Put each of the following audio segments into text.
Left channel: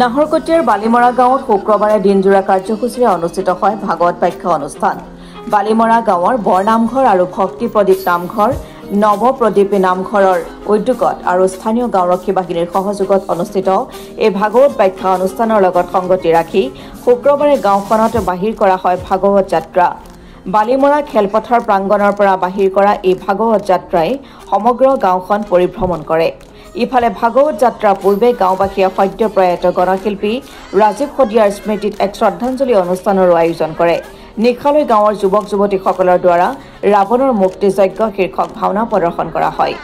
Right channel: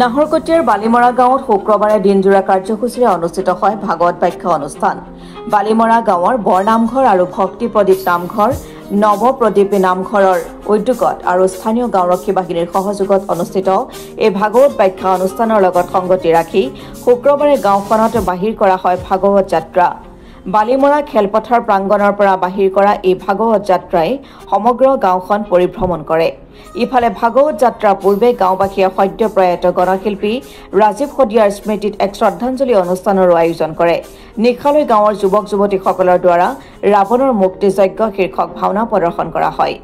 নাহৰকটীয়াৰ বালিমৰা গাঁৱত শুক্ৰবাৰে দিনজোৰা কাৰ্যসূচীৰে অনুষ্ঠিত হয় ভাগৱত বাখ্যা অনুষ্ঠান। বালিমৰা গাঁৱৰ বৰনামঘৰ আৰু ভক্তি প্ৰদীপ নামঘৰ, নৱপ্ৰদীপী নামঘৰৰ উদ্যোগত আৰু স্থানীয় গাঁওৰক্ষী বাহিনীৰ সহযোগত অনুষ্ঠিত এই ভাগৱত বাখ্যা অনুষ্ঠানৰ লগত সংগতি ৰাখি শুক্ৰবাৰে গাঁওখনত বাহিৰ কৰা হয় ভাগৱত যাত্ৰা। বালিমৰা খেলপথাৰ প্ৰাংগণৰ পৰা বাহিৰ কৰা এই ভাগৱত যাত্ৰাই সমগ্ৰ গাঁওখন পৰিভ্ৰমণ কৰে। ইফালে ভাগৱত যাত্ৰাৰ পূৰ্বে গাঁওবাসীয়ে সদ্যপ্ৰয়াত গণশিল্পী ৰাজীৱ শদিয়াৰ স্মৃতিত এক শ্ৰদ্ধাঞ্জলি অনুষ্ঠানৰো আয়োজন কৰে। নিশালৈ গাঁৱৰ যুৱক যুৱতীসকলৰ দ্বাৰা ৰাৱণৰ মুক্তি যজ্ঞ শীৰ্ষক ভাওনা প্ৰদৰ্শন কৰা হয়।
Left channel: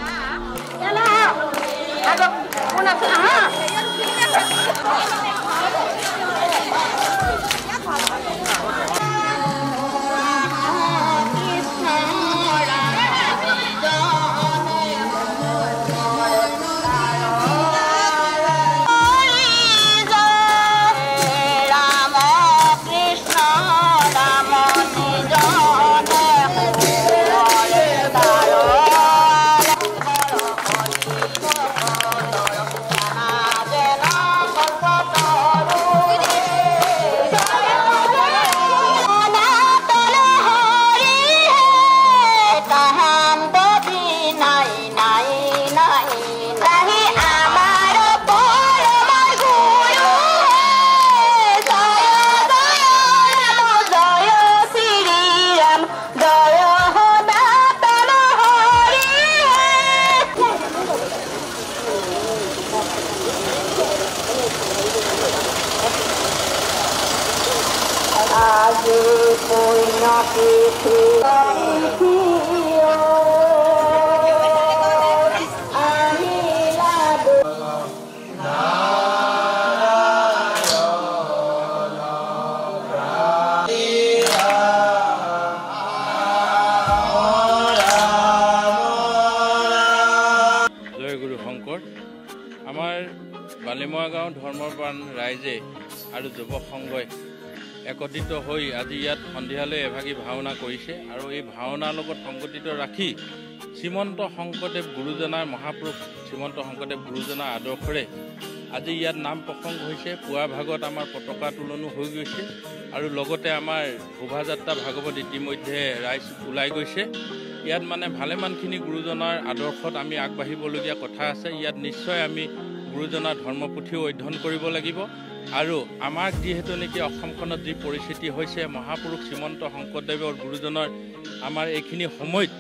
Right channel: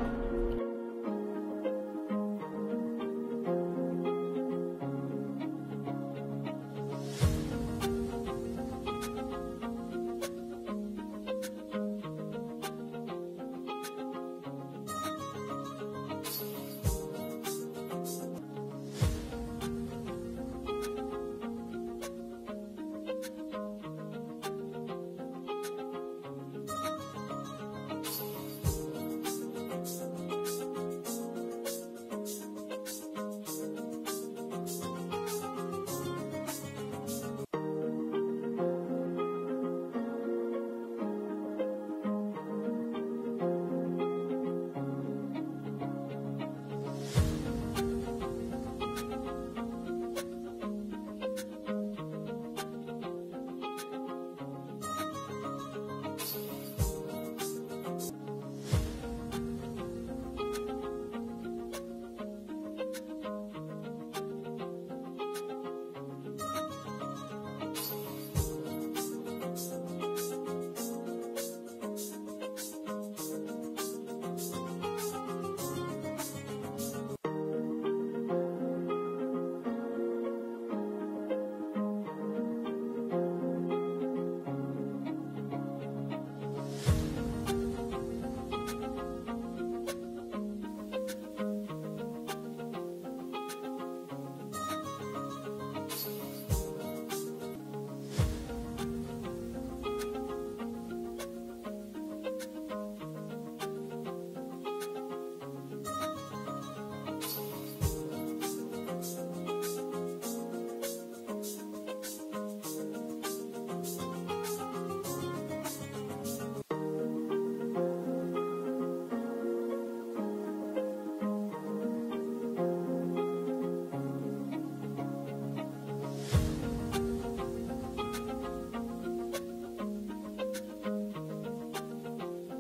আমাৰ বালিমৰা গাঁও ধৰ্মপ্ৰাণ ৰাইজে আৰু যুৱক সংঘই একত্ৰিত হৈ আজি ইয়াত সন্ধিয়ালৈ এভাগী ভাওনা কৰিছে আৰু এই ভাওনাৰ লগত সংগঠিত ৰাখি শ্ৰীমন্ত শংকৰদেৱ গুৰুজনাৰ মহাপুৰুষ শ্ৰীমন্ত শংকৰদেৱ গুৰুজনাৰ আদৰ্শৰে আজি ইয়াত নাম প্ৰসংগ হৈছে। পুৱা ভাগত আমাৰ পতাকা তোলনো হৈ গৈছে আৰু লগতে আমাৰ শোভাযাত্ৰা ভাগৱত ইতিমধ্যে ৰাইজ ওলাই গৈছে। ইয়াত মানে ভালেমানখিনি গুৰুজনাৰ আদৰ্শত আমি আগবাঢ়িবলগীয়া কথা আছে। ইয়াত নিশ্চয় আমি গুৰুজনাৰ ধৰ্মপুথিও অধ্যয়ন কৰিব লাগিব আৰু আমাৰ যিহেতু নেকি অসমখনত যি পৰিস্থিতি হৈছে মহাপুৰুষ শ্ৰীমন্ত শংকৰদেৱৰ গুৰুজনাৰ আমাৰ এইখিনি সময়ত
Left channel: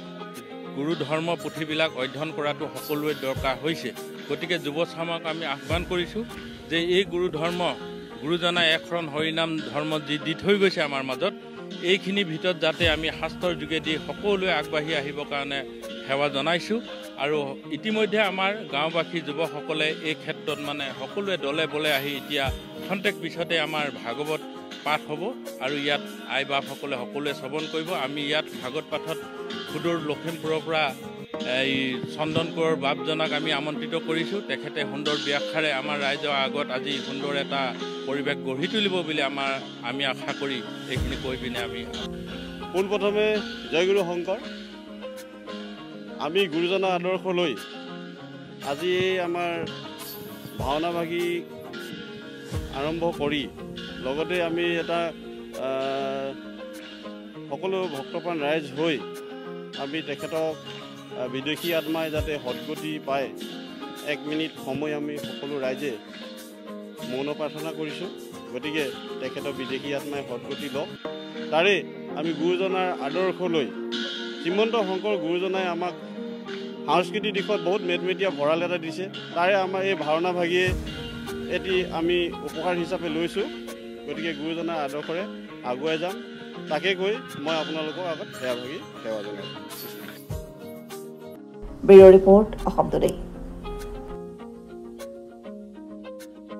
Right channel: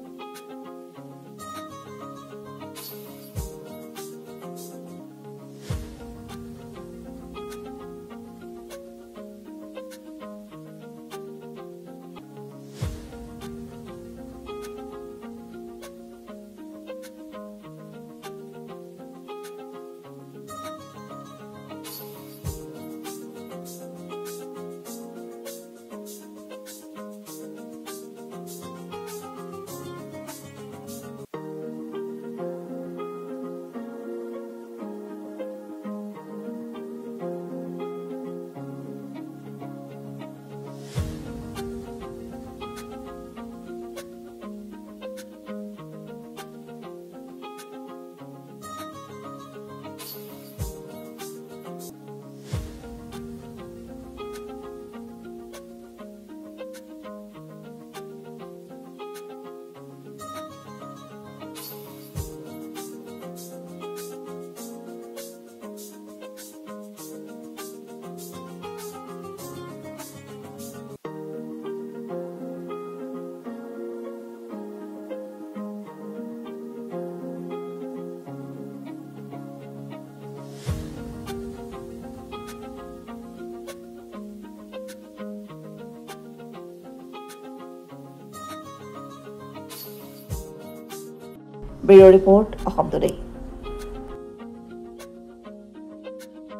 গুৰু ধৰ্ম পুথিবিলাক অধ্যয়ন কৰাটো সকলোৱে দৰকাৰ হৈছে। গতিকে যুৱ চামক আমি আহ্বান কৰিছোঁ যে এই গুৰুজনাই এখন হৰিনাম ধৰ্ম যি দি থৈ গৈছে আমাৰ মাজত, এইখিনিৰ ভিতৰত যাতে আমি শাস্ত্ৰৰ যোগেদি সকলোৱে আগবাঢ়ি আহিবৰ কাৰণে সেৱা জনাইছোঁ। আৰু ইতিমধ্যে আমাৰ গাঁওবাসী যুৱকসকলে এই ক্ষেত্ৰত মানে সকলোৱে দলে বলে আহি এতিয়া খন্তেক পিছতে আমাৰ ভাগৱত পাঠ হ'ব আৰু ইয়াত আই বাপসকলে সকলোৱে শ্ৰৱণ কৰিব। আমি ইয়াত ভাগৱত পাঠত সুদূৰ লখিমপুৰৰ পৰা এই চন্দন কোঁৱৰ বাপজনাক আমি আমন্ত্ৰিত কৰিছোঁ। তেখেতে সুন্দৰ ব্যাখ্যাৰে আমাৰ ৰাইজৰ আগত আজি সুন্দৰ এটা পৰিৱেশ গঢ়ি তুলিব বুলি আমি আশা কৰি এইখিনি কৈ পিনে আমি পোনপ্ৰথমে জয়গুৰু শংকৰ। আমি গুৰুজনাৰ আদৰ্শ লৈ আজি আমাৰ ভাওনা ভাগি আৰম্ভ কৰি লগতে আমি এটা সকলো ভক্তপ্ৰাণ ৰাইজ হৈ আমি তেখেতক বিদেশী আত্মাই যাতে সদ্গতি পায় 1 মিনিট সময় আমি সকলো ৰাইজে মৌন প্ৰাৰ্থনা কৰিছোঁ। গতিকে তেখেতক বিদেশী আত্মাই সদ্গতি লওক। তাৰে আমি গুৰুজনাৰ আদৰ্শ লৈ শ্ৰীমন্ত শংকৰ গুৰুজনাই আমাক সাংস্কৃতিক দিশত বহুত মেদমেদীয়া ভঁৰাল এটা দিছে। তাৰে আমাৰ এই ভাওনা ভাগিয়ে এটি আমি উপহাৰ হিচাপে লৈছোঁ। গতিকে গুৰুজনাৰ আদৰ্শৰে আগুৱাই যাম, তাকে কৈ মই আপোনালোকৰ আগত সেৱা ভাগি সেৱা জনাইছোঁ। Bureau report Assam today.